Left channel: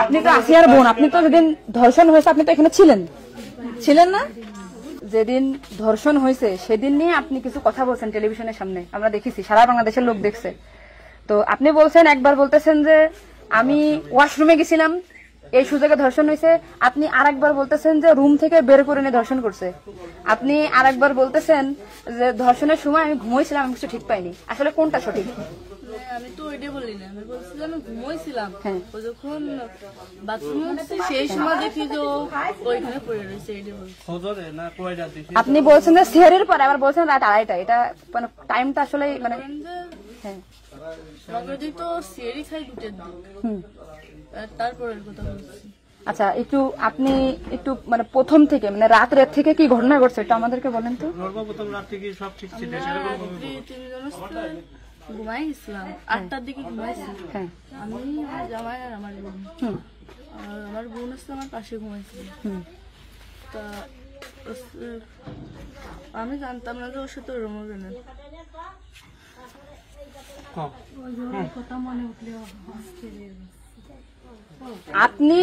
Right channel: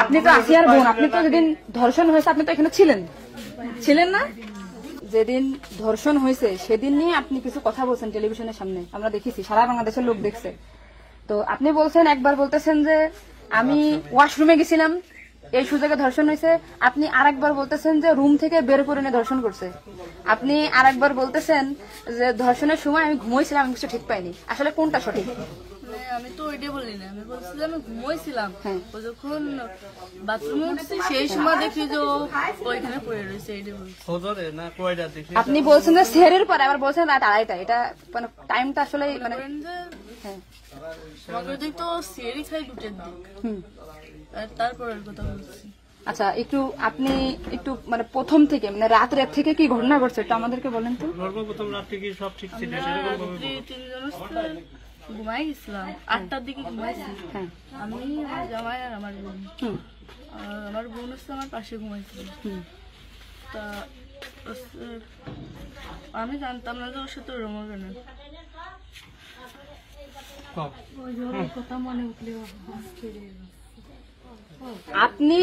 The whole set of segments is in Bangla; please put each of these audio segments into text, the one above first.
আপনি তো আসিয়ার বোন, আপনি তো যেদিন ধর্ষণ হয়েছে আপনি তো এখানে ছিলেন না? যেদিন ধর্ষণ হয়েছে সেদিন নিয়ে আপনি কিছু কথা বলছেন টেলিভিশনের সামনে, আমরা দেখেছি, সারা বাংলাদেশের লোক দেখছে। তো আপনি বলছেন, একবার বলতেছেন যে আমি ওয়াশরুমে গেছিলাম এই সুযোগে ধর্ষণ হয়েছে, আপনি আরেকবার বলতেছেন যে রুম থেকে বের করে নিয়ে ধর্ষণ করছে, আপনি আরেকবার বলতেছেন যে ধর্ষণের সময় আমি ঘুমোইছিলাম, আমি কিছু ঠিক পাইনি। আসলে কোনটা সঠিক? আমি তো ওইটাই বলি না, আমি বলছিলাম আমি ঘুমোইছিলাম, ও যখন বাথরুমে উঠছি সেই সময় দেখি যে ওইখানে পড়ে রয়েছে, এইটাই বলছি। আপনি বলছেন যে সেহরির পরে, আবার বলছেন রাত 2:30, এটা মানে টাইমটা আসলে মানে আমাকে তো সেহরি খাই 2টার দিক, তারপরের কথা বলছি। আচ্ছা, আপনি একটু মানে প্রথম থেকে মানে রাত থেকে কি ঘটনা ঘটছে একটু আমাদেরকে বলেন তো। সর্বপ্রথম রাত থেকে সব ঠিক ছিল, ঘুমাই গেছিলাম 8টার দিকে ঘুমাইছি, আমি আমার জামাই আর আমার বোন, আমার বোন হচ্ছে আমার পাশে ঘুমাইছিল। তা আমি জানতাম না যে ওর সাথে ওরম হবে না। আপনি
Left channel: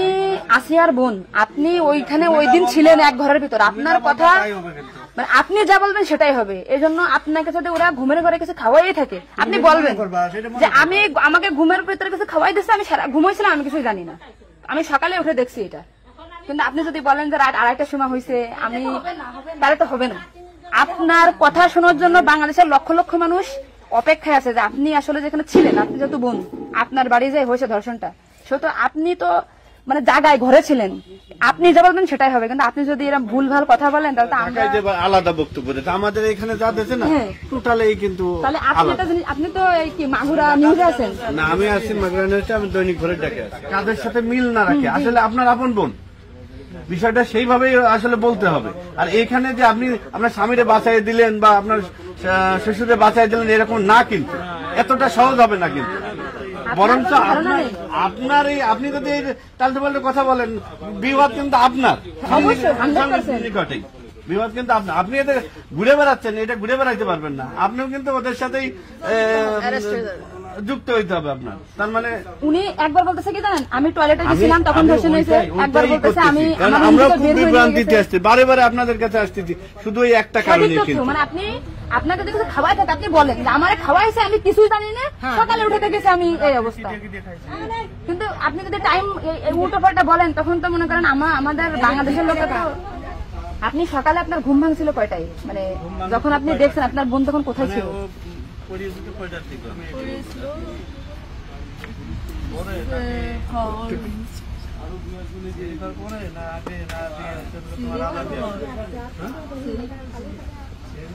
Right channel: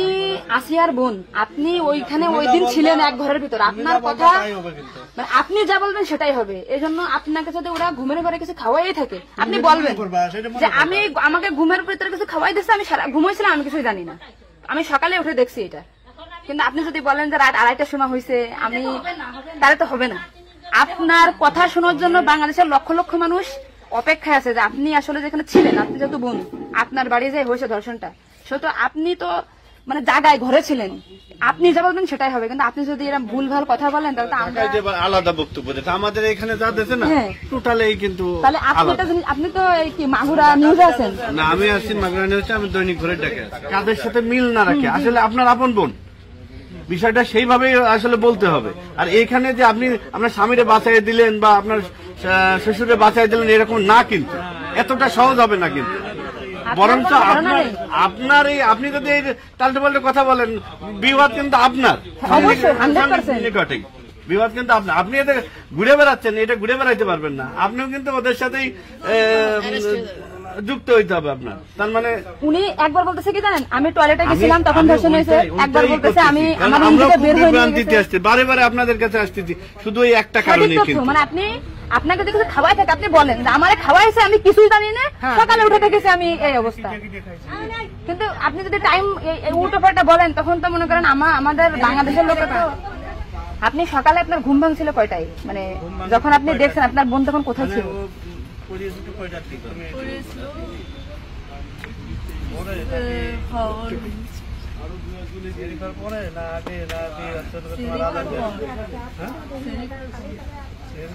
আসিয়ার বোন, আপনি ওইখানে ওই দিন ছিলেন এক ঘরের ভিতর, আপনার কথা মানে আপনি যা বলবেন সেটাই হবে। এই জন্য আপনাকে যদি ওরা ঘুমের ঘরে কিছু খাওয়াই থাকে আপনি বলবেন যে আমাকে ঘুমের ভিতরে কিছু খাওয়াই দিচ্ছে, আমি ঘুমাইছিলাম, আমি কিছুই জানি না, আমি সকালে উঠে দেখছি এটা। কিন্তু আপনি যদি বলেন যে রাত 2:30টার সময় হয়েছে, আমি তাহলে তো হবে না। আপনার কথা শোনার জন্য বাংলাদেশের লক্ষ লক্ষ মানুষ অপেক্ষায় আছে যে আপনি আসলে যেখানে ছিলেন, আপনি যেহেতু বোন, আপনার বাড়ি যাই হয়েছে ধর্ষণটা, সেহেতু আপনি তো মানে জায়গায় ঘরে ছিলেন, আপনি যা বলবেন সেটাই হবে। কিন্তু আপনি যদি এরকম ভুল ভাল কথা বলেন তাহলে আলাদা বক্তব্য দিতে, আমাদের এখানে যা দিতে না টোটালি কিন্তু আপনি তো কি মাগুরা নিউজে আছেন না? আমি আছি মাগুরা নিউজে, আমি দৈনিক ঘরে ডাকে কাদের সাথে মিল না রাখে আসলে আপনার আপন বোন, বিষয়টা সেইভাবেই আসলে বলতে হবে। আর এখানে যে আপনি আপনার স্বামীরে বাঁচাই দিলেন বা আপনার শ্বশুরে বাঁচাই দিলেন এরকম না, কিন্তু এতটা সহজ হবে না। কিন্তু বরঞ্চ আপনার এই আপনি যদি তাল্টে পাল্টে কথা বলেন, বিবাদ কিন্তু আপনার নিকটেই, বিবাদ কিন্তু আপনার। আপনি এটা ঘুরে বেড়াচ্ছেন, এটা ঘুরে বেড়াইতে পারবেন না, আপনিও কিন্তু ওদের সাথেই যুক্ত হইতে হবে আপনার। তার মানে উনি একবার বলতেছে কি জানেন, আমি টয়লেটে গেছিলাম তখন ধর্ষণ হয়েছে, একবার বলতেছে আমি আমরা বিভ্রান্তিতে আসছি, বারে বারে আপনাদের কাছে আসতেছি শুধু এই একটা কারণে। কিন্তু মানে আপনাকে যদি কিছু খাওয়াই থাকে আপনি বলেন যে আমার খাওয়াইছে, আমি কিছুই জানি না, সকালে উঠে দেখেছি আমি এই অবস্থা। কিন্তু আপনি যদি টাইম উল্টো পাল্টা বলেন তখন তো মনে করেন আমাদের বাংলাদেশের লোকেরা তো, আপনি সকালে আপনার ঘুম ভাঙছিল কয়টায়, মানে যখন আপনি দেখছেন আপনার বোন তখন কোথায় ছিল?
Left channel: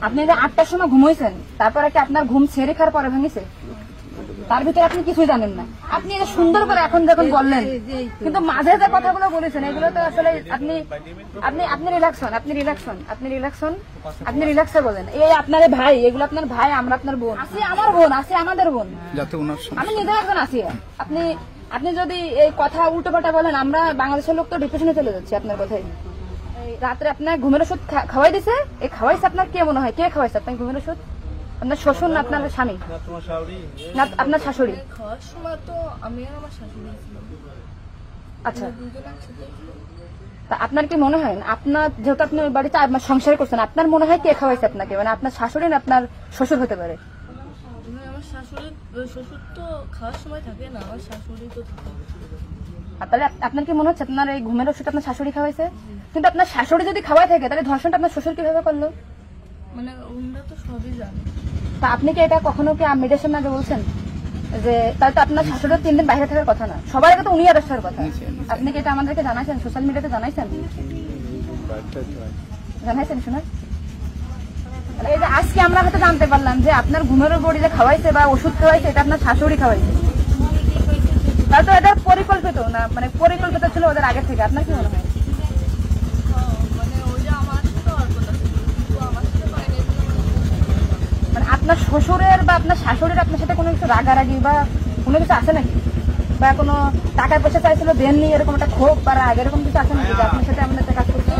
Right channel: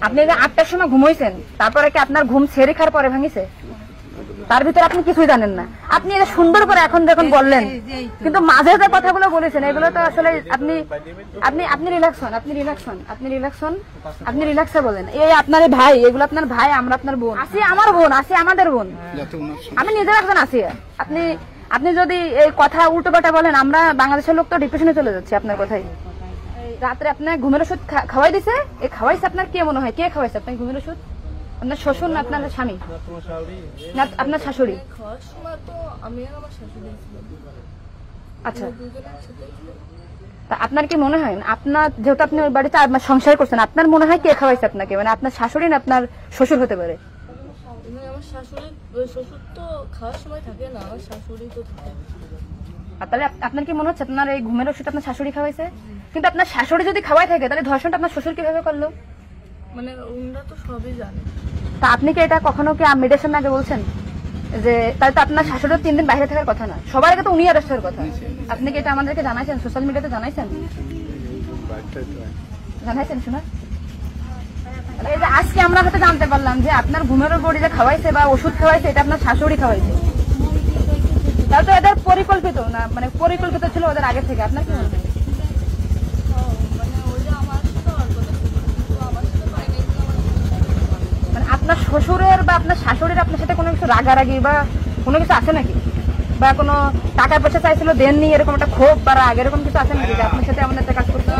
আপনি 8টার সময় ঘুমাইছেন, তারপরে কি আপনার ঘুম ছেড়ে খাওয়ার পরে ভাঙিছে? তার ভিতরে আপনি কিছুই জানেন না। আপনি এটা সুন্দর করে এখন যখন বললেন, কিন্তু মাঝে যে কথাগুলো বলেছেন এগুলো তো আসলে আপনি রিল্যাক্স হন, আপনি রিল্যাক্সে বলেন। এই আপনার ভাই, এগুলো আপনার ভাই, আমরা আপনার বোন, আসি আমার বোন, আসি আমাদের বোন, আমি নিজের এখন আসি। আপনি যদি এই কথা উল্টো পাল্টা বলেন, আমরা বাংলাদেশের লোক তো ডিপ্রেশনে চলে যাচ্ছে আপনার কথাই। রাত্রে আপনার ঘুমের ওষুধ খাওয়াই দিছে, এই খাওয়াইছে আপনার কে মনে হয়, কে খাওয়াইছে আপনার ঘুমের ওষুধ? আপনার শ্বশুর না আপনার স্বামী না আপনার শাশুড়ি? খাওয়ার সময় তো আমি আর আমার শাশুড়ি ছিলাম। আচ্ছা, তা আপনার কি মনে হয়, আপনার যেহেতু আপনি ওই বাড়িতে আপনার সংসার করছেন, আপনার মনে হয় কে খাওয়াইছে আপনাকে, মানে আপনার শাশুড়ি না আপনার শ্বশুর হতে পারে? আমার শাশুড়ি, শ্বশুর তো খাওয়ার সময় থাকে না, আমার শাশুড়ি তো থাকে। তাহলে আপনার কি মনে হচ্ছে আপনার এই ঘুমের ওষুধ আপনার শাশুড়ি খাওয়াইছে? কিন্তু আপনার শাশুড়ি যদি খাওয়াই থাকে তাহলে ধর্ষণটা আপনার শ্বশুর কিভাবে করলো? মানে ওনারা তো সবই জানে। তা আপনি কি এটা কখনো কি মেয়েদের সামনে আগে বলছেন যে তাই তো আপনার শাশুড়ির 3 দিন বাইরে থাকার কথা না, সবার আগে তো উনি অ্যারেস্ট হওয়ার কথা? আপনি কি এটা আমাদেরকে জানাইছেন, সোশ্যাল মিডিয়াতে জানাইছেন? শোনা, এই যে আজকে আমরা হয়তো জানতে পারলাম যে আপনার ঘুমের বড়ি যে খাওয়াইছে বা ওষুধ খাওয়াইছে এটা আপনার শাশুড়ি খাওয়াইছে, তাই তো এদের পরিকল্পিত না, মানে পরিকল্পিত ছিল ওদের আগে থেকে। আপনার কি মনে হয়? আপনার শ্বশুরের বা আপনার শাশুড়ির আপনার সাথে কোনো কিছু রাগারাগি বা কোনো কিছু আছে নাকি, বা কোনো টাকা পয়সা চাইছিল দেননি, এরকম একটা ক্ষোভ বা রাগ এরকম কিছু আছে নাকি যে আপনার সাথে আমাদের কাজ করতে?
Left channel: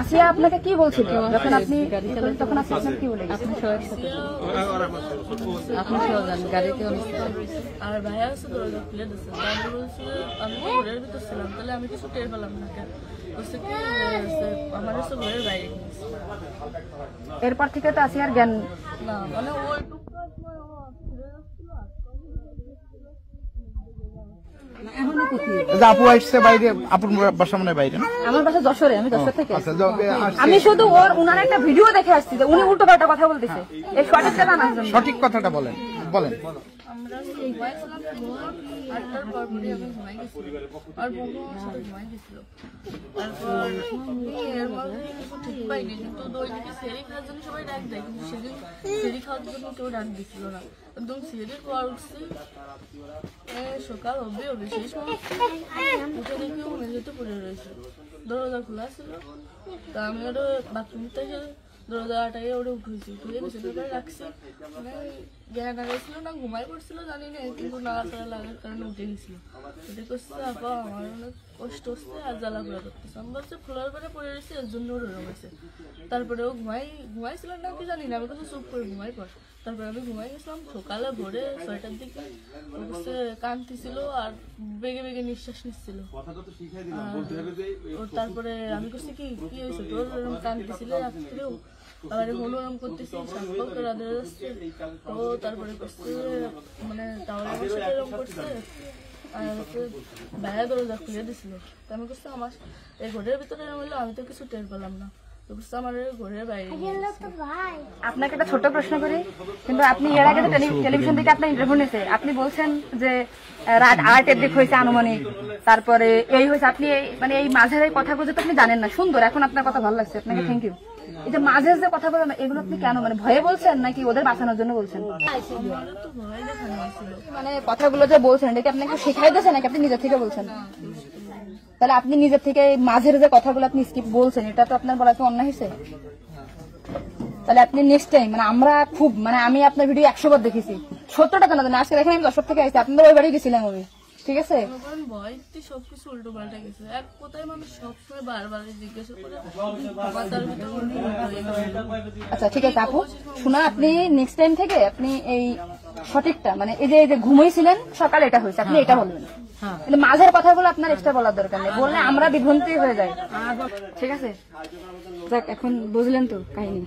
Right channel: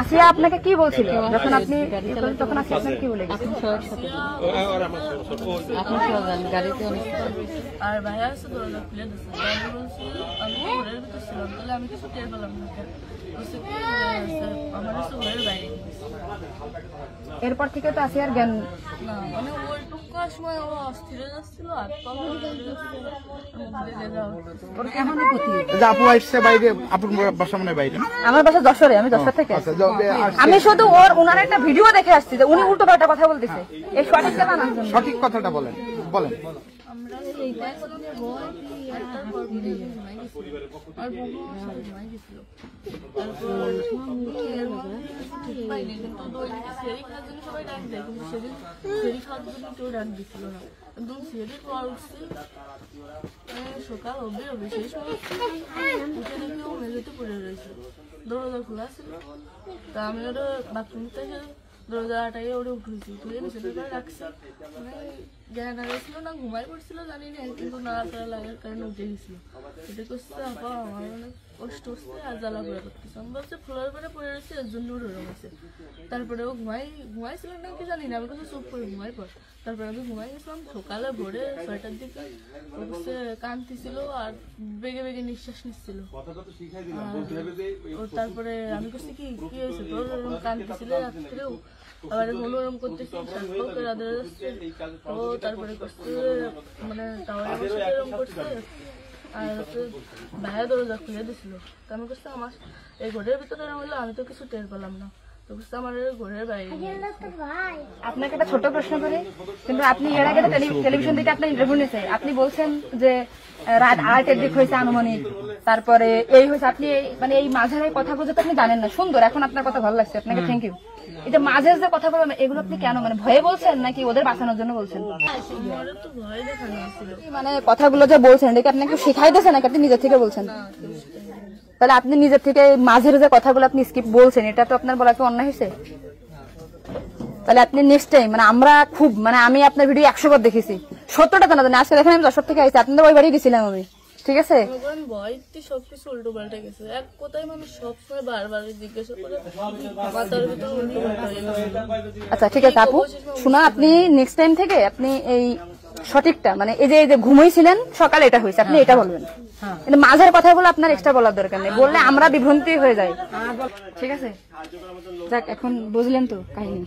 আসিয়া আপনাকে কি বলছিল যখন আপনি তখন আসিয়া আপনাকে কি বলে গেছে? আর ভাইয়া আছে দরজা খুলে দিচ্ছে, আমি বলছি আমি তো ঘরের ভিতর ছিলাম, তাহলে আমি কিছু টের পেলাম না কেন? বলছে কি আমার হচ্ছে ঘরের বাইরে গেছে। এরপর থেকে তো আসিয়ার জ্ঞান না মানে ওই টুকার সময় ও অস্থির হয়ে যাচ্ছিল, আর আপু আসছে বাইরে, আপুর বাসা মনে হয় বাইরে। আমার বাসা যশোরে, আমি যশোর থেকে আসছি। আমি শুধু ওনার একটা ভিডিও দেখে আসছি যে উনি উল্টো পাল্টা কথা বলতেছে, এই সঠিক জানা না। সঠিক কথাটা বলেন বলেন। আমরা ঘুমাইছিলাম, 8টার পর পরে আমি ঘুমাই গেছিলাম, আর বোনও আমার সাথে ঘুমাই গেছিল। তারপর এর মধ্যে কিছু ঠিক পাইনি, কিন্তু দৈনিক সেরি খাওয়ার জন্য সবাই ডাক দেয়, কিন্তু সেদিন সেরি খাওয়ার জন্য কেউ ডাক দিছিল না। একদম সেরির পর উঠছি, সকাল হবে সেই সময় উঠে দেখি ও মেঝেতে পড়ে রয়েছে, দরজা খোলা ছিল। তা আমি ওটা বাথরুম থেকে দরজা আটাইয়ে ওটা উঠেছি, তুলে বিছানার পরে রাখছি। মানে জ্ঞান হারাইছিল না ঘুমাই পড়ছিল জানি না, কিন্তু নাড়াচাড়া লাগার কারণে উঠে গেছিল। এটা করছে আপা আমার অনেক কষ্ট হচ্ছে আর জ্বালা পোড়া করতেছে। আমি বলছি খোলার পরে পড়ে রয়েছে, এর জন্য ওরকম হয়েছে। তারপরে ও ঘুমাইছিলাম না কি জানি না, আমি কিন্তু চুপ করে ঘুমাই পর। তারপরে আমি ঘুমাই গেছিলাম, সকালে ভোরে 6টার দিকে ও করছে কাঁদতেছিল আর বেগে বেগে নিঃশ্বাস নিচ্ছিল। তারপরে আমি করছি কি কি হয়েছে তোর, ওরকম কাঁদতেছিল রাত্রেও, আবার মনোরম করতেছি, শ্বাসও করে আদর যাচ্ছে। ও তারপরে করছে মানে টাওয়ারে আমার সাথে এরকম করছে, আর হচ্ছে ভাইয়া দরজা খুলে দিছিল। তো আমি করছি আমার এই ঘরের ভিতরে এরকম হলো, আমি তো কিছু টের পেলাম না। তো করছে আমার ঘরের বাইরে। আপনাকে একটা ছোট প্রশ্ন করি, কিন্তু আপনি এর আগে টেলিভিশন থেকে আপনার ইন্টারভিউ নিয়েছে, আপনি বলছেন যে রাত 8-এর দিক হয়েছে আনুমানিক, তারপরে এই হয়েছে, আপনি মানে এই মাঝের এই কথাগুলো তো আপনি জানেন না। সুন্দর, এখন আপনার কথা ভালো লাগছে, আপনাকে থ্যাংক ইউ। এই যে মাঝের যে কথা বলেন এগুলো আপনি কেন, মানে ভয়ে বলছেন নাকি ওদের বাঁচানোর জন্য বলছেন? আমার তো ভয় দেখানো হয়েছিল। মানে কথাগুলো যে বলছেন এটা কি আপনাকে শেখাই দিয়েছেন নাকি আপনি নিজের থেকে বলছেন? তাহলে আপনি নিজের থেকে মাঝের যে কথাগুলো আপনি স্কিপ বলছেন, এটা তো আপনার বলা তো অন্যায় হয়েছে। তাহলে আপনি নেক্সট টাইম, মানে আমরা খুব মানে আমি আপনার ভিডিও 100 বার দেখেছি, 70টা জানা জানি। আজকে দেখেন আমি 10 থেকে আইছি, আপনাদের ওই বাড়ি গেছিলাম আমি, ঠিক আছে? ভয়তে সবকিছু উল্টো পাল্টে গেছে। এক কথায় মানুষ সবসময় বারবার জিজ্ঞাসা করে মাথার ভিতরে উল্টো পাল্টা হয়ে গেছে। আচ্ছা ঠিক আছে আপু, শোনো আপনি নেক্সট টাইম থেকে আপনি এই সঠিকটা, মানে এই যে ঘুমাইছিলেন সকালে এটা হয়েছে, আপনি এটা বলবেন। কিন্তু মাঝের কথাগুলো আপনার এক্সট্রা বলার দরকার নেই, বললে আমরা বিভ্রান্তি হয়ে যাই। ঠিক আছে, যাক এখন বুঝলেন তো কাহিনী।